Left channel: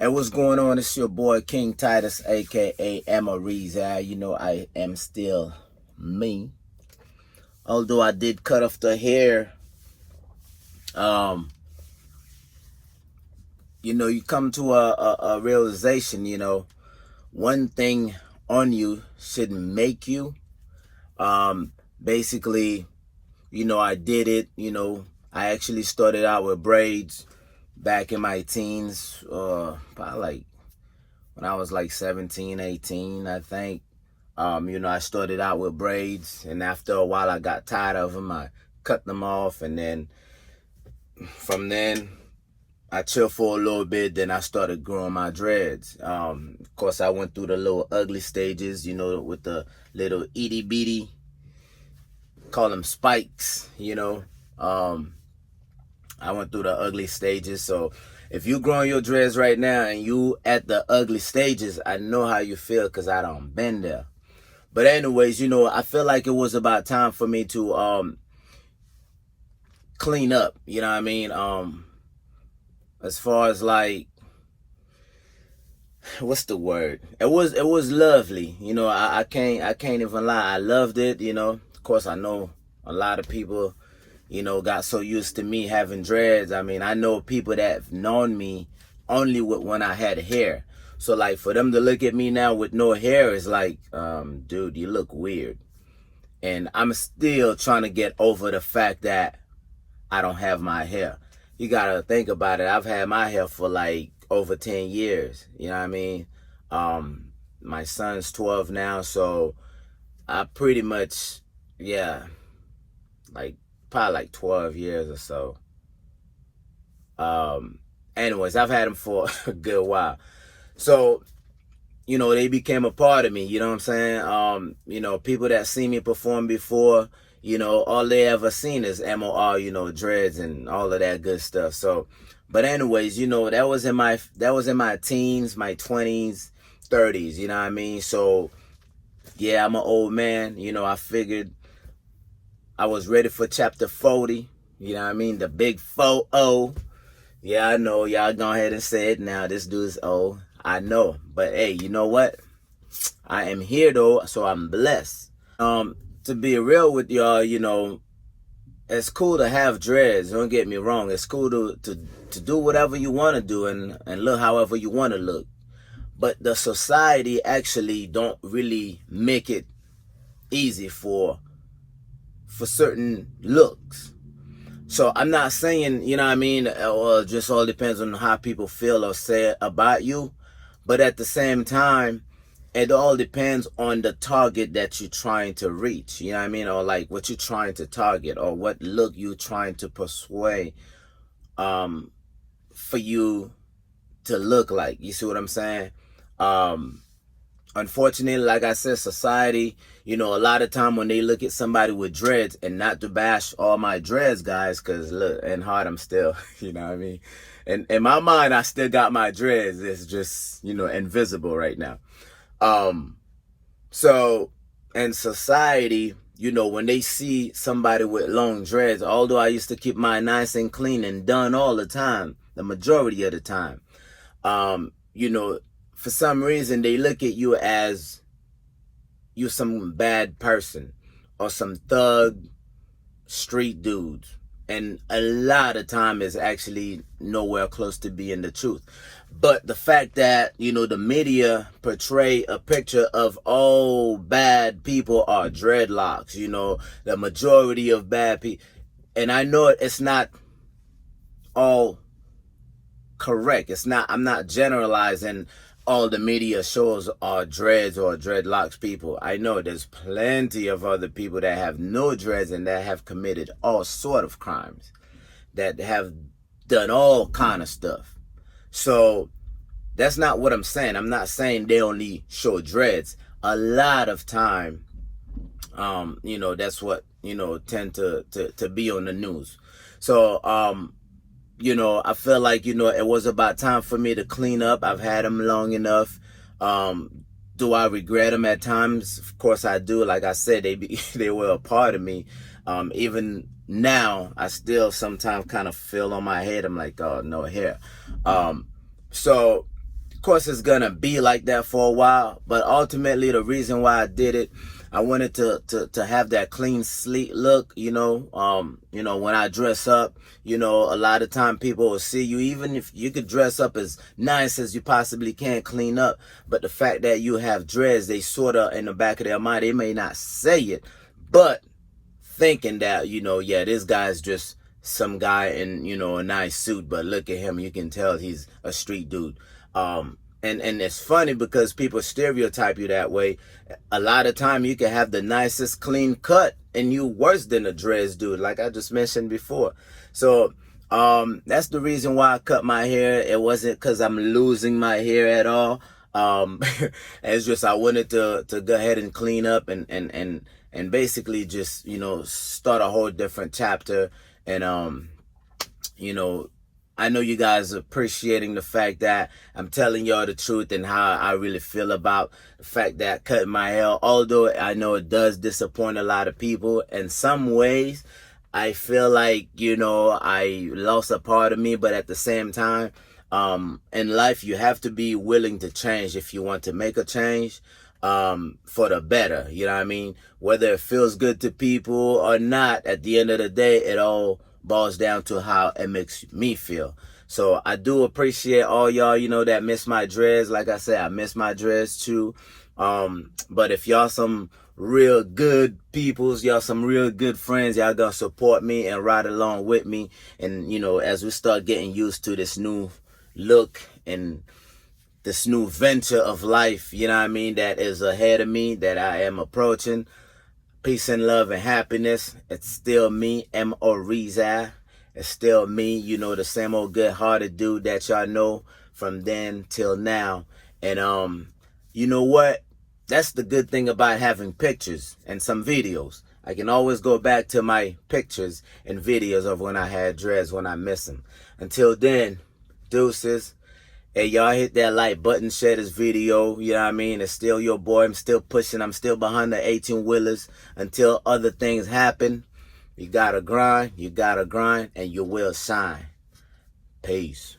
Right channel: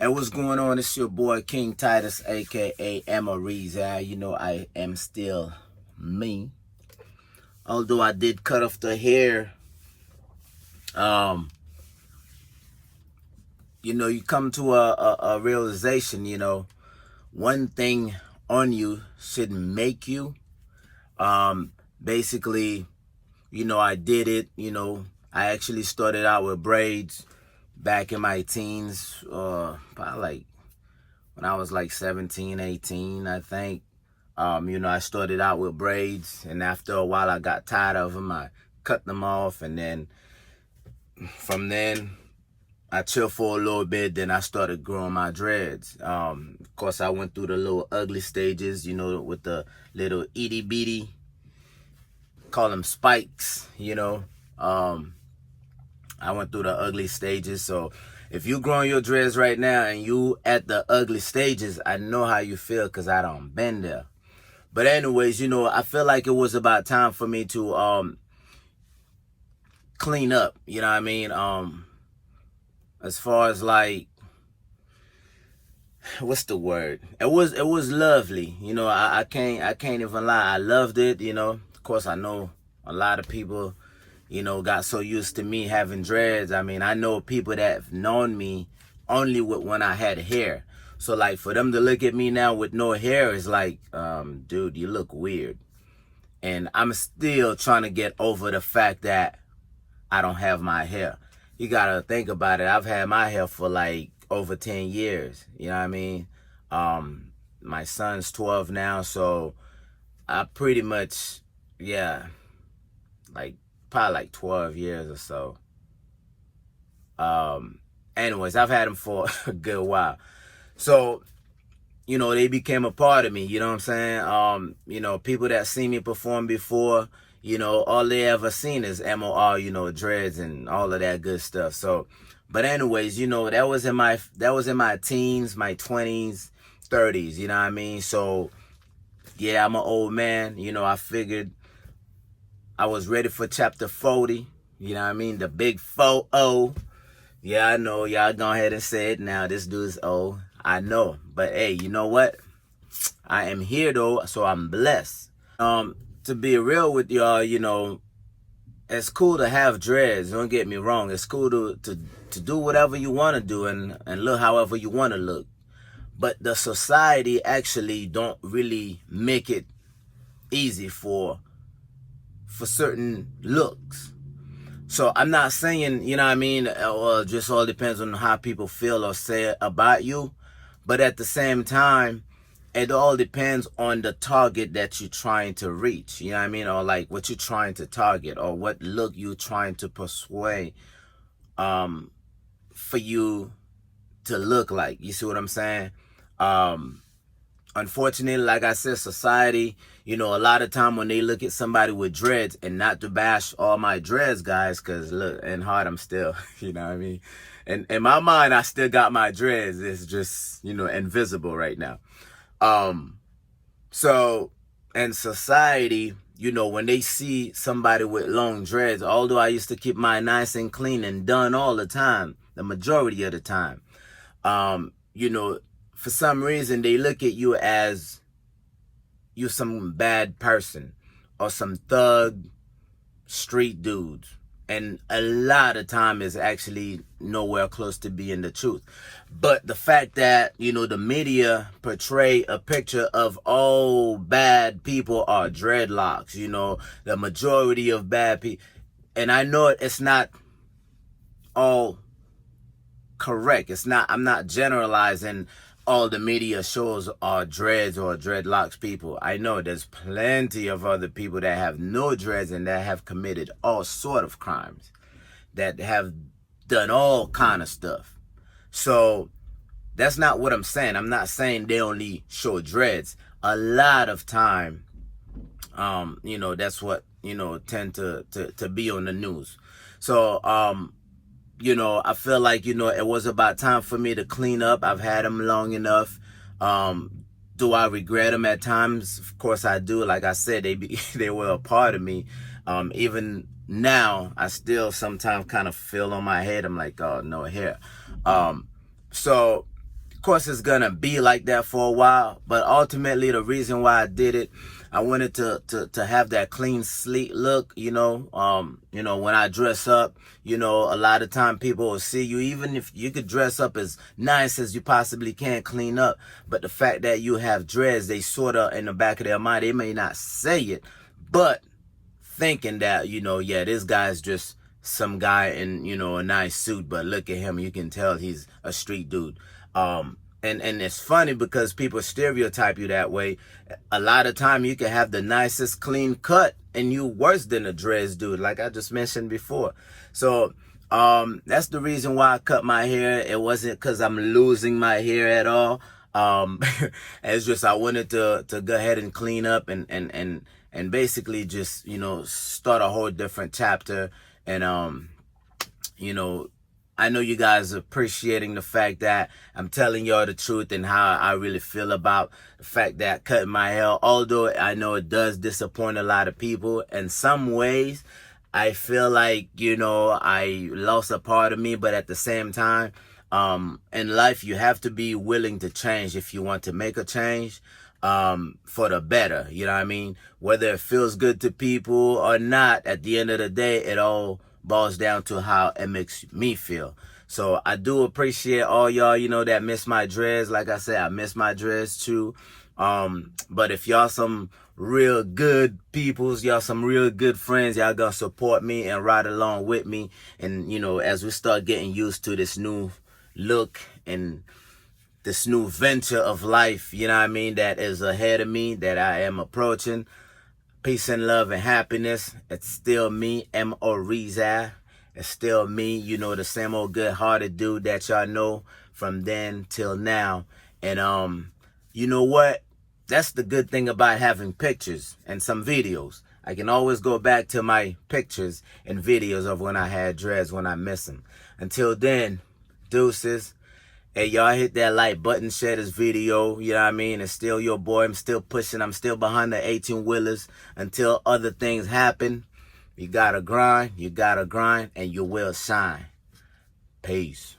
And what's going on? It's your boy King Titus, aka Amariz. You know I am still me. Although I did cut off the hair. You know, you come to a realization, you know, one thing on you shouldn't make you. Basically, you know, I did it, you know, I actually started out with braids back in my teens, probably like when I was like 17, 18, I think. You know, I started out with braids, and after a while I got tired of them. I cut them off, and then from then I chilled for a little bit, then I started growing my dreads. Of course, I went through the little ugly stages, you know, with the little itty bitty, call them spikes, you know. I went through the ugly stages. So if you growing your dreads right now and you at the ugly stages, I know how you feel because I done been there. But anyways, you know, I feel like it was about time for me to clean up, you know what I mean? As far as like, what's the word? It was lovely, you know. I can't even lie. I loved it, you know. Of course, I know a lot of people, you know, got so used to me having dreads. I mean, I know people that have known me only when I had hair. So like for them to look at me now with no hair is like, dude, you look weird. And I'm still trying to get over the fact that I don't have my hair. You gotta think about it. I've had my hair for like over 10 years. You know what I mean? My son's 12 now, so I pretty much, yeah, like probably like 12 years or so. Anyways, I've had them for a good while. So, you know, they became a part of me, you know what I'm saying? You know, people that see me perform before, you know, all they ever seen is MOR, you know, dreads and all of that good stuff. So, but anyways, you know, that was in my teens, my 20s, 30s, you know what I mean? So, yeah, I'm an old man, you know. I figured I was ready for chapter 40, you know what I mean? The big 4-0. Yeah, I know, y'all go ahead and say it now. This dude's old. I know, but hey, you know what? I am here though, so I'm blessed. To be real with y'all, you know, it's cool to have dreads. Don't get me wrong. It's cool to do whatever you want to do and look however you want to look. But the society actually don't really make it easy for certain looks. So I'm not saying, you know what I mean, or just all depends on how people feel or say about you. But at the same time, it all depends on the target that you're trying to reach. You know what I mean? Or like what you're trying to target, or what look you're trying to persuade for you to look like. You see what I'm saying? Unfortunately, like I said, society, you know, a lot of time when they look at somebody with dreads, and not to bash all my dreads, guys, because look, in heart I'm still, you know what I mean? And in my mind, I still got my dreads. It's just, you know, invisible right now. So in society, you know, when they see somebody with long dreads, although I used to keep mine nice and clean and done all the time, the majority of the time, you know, for some reason they look at you as you're some bad person or some thug street dudes. And a lot of time is actually nowhere close to being the truth. But the fact that, you know, the media portray a picture of all bad people are dreadlocks, you know, the majority of bad people. And I know it's not all correct. It's not, I'm not generalizing all the media shows are dreads or dreadlocks people. I know there's plenty of other people that have no dreads and that have committed all sort of crimes, that have done all kind of stuff. So that's not what I'm saying. I'm not saying they only show dreads. A lot of time, you know, that's what, you know, tend to be on the news. So you know, I feel like, you know, it was about time for me to clean up. I've had them long enough. Do I regret them at times? Of course I do. Like I said, they were a part of me. Even now, I still sometimes kind of feel on my head. I'm like, oh, no hair. So, of course, it's gonna be like that for a while. But ultimately, the reason why I did it, I wanted to have that clean, sleek look. You know, when I dress up, you know, a lot of time people will see you, even if you could dress up as nice as you possibly can, clean up. But the fact that you have dreads, they sort of in the back of their mind, they may not say it, but thinking that, you know, yeah, this guy's just some guy in, you know, a nice suit, but look at him, you can tell he's a street dude. And it's funny because people stereotype you that way. A lot of time you can have the nicest clean cut and you worse than a dreads dude, like I just mentioned before. So that's the reason why I cut my hair. It wasn't because I'm losing my hair at all. It's just I wanted to go ahead and clean up and basically just, you know, start a whole different chapter. And you know, I know you guys are appreciating the fact that I'm telling y'all the truth and how I really feel about the fact that cutting my hair, although I know it does disappoint a lot of people. In some ways, I feel like, you know, I lost a part of me, but at the same time, in life, you have to be willing to change if you want to make a change for the better. You know what I mean? Whether it feels good to people or not, at the end of the day, it all boils down to how it makes me feel. So I do appreciate all y'all, you know, that miss my dreads. Like I said, I miss my dreads too. But if y'all some real good peoples, y'all some real good friends, y'all gonna support me and ride along with me. And, you know, as we start getting used to this new look and this new venture of life, you know what I mean, that is ahead of me, that I am approaching. Peace and love and happiness. It's still me, M.O. Reza. It's still me, you know, the same old good-hearted dude that y'all know from then till now. And you know what? That's the good thing about having pictures and some videos. I can always go back to my pictures and videos of when I had dreads, when I miss them. Until then, deuces. Hey, y'all hit that like button, share this video, you know what I mean? It's still your boy. I'm still pushing. I'm still behind the 18-wheelers until other things happen. You gotta grind, and you will shine. Peace.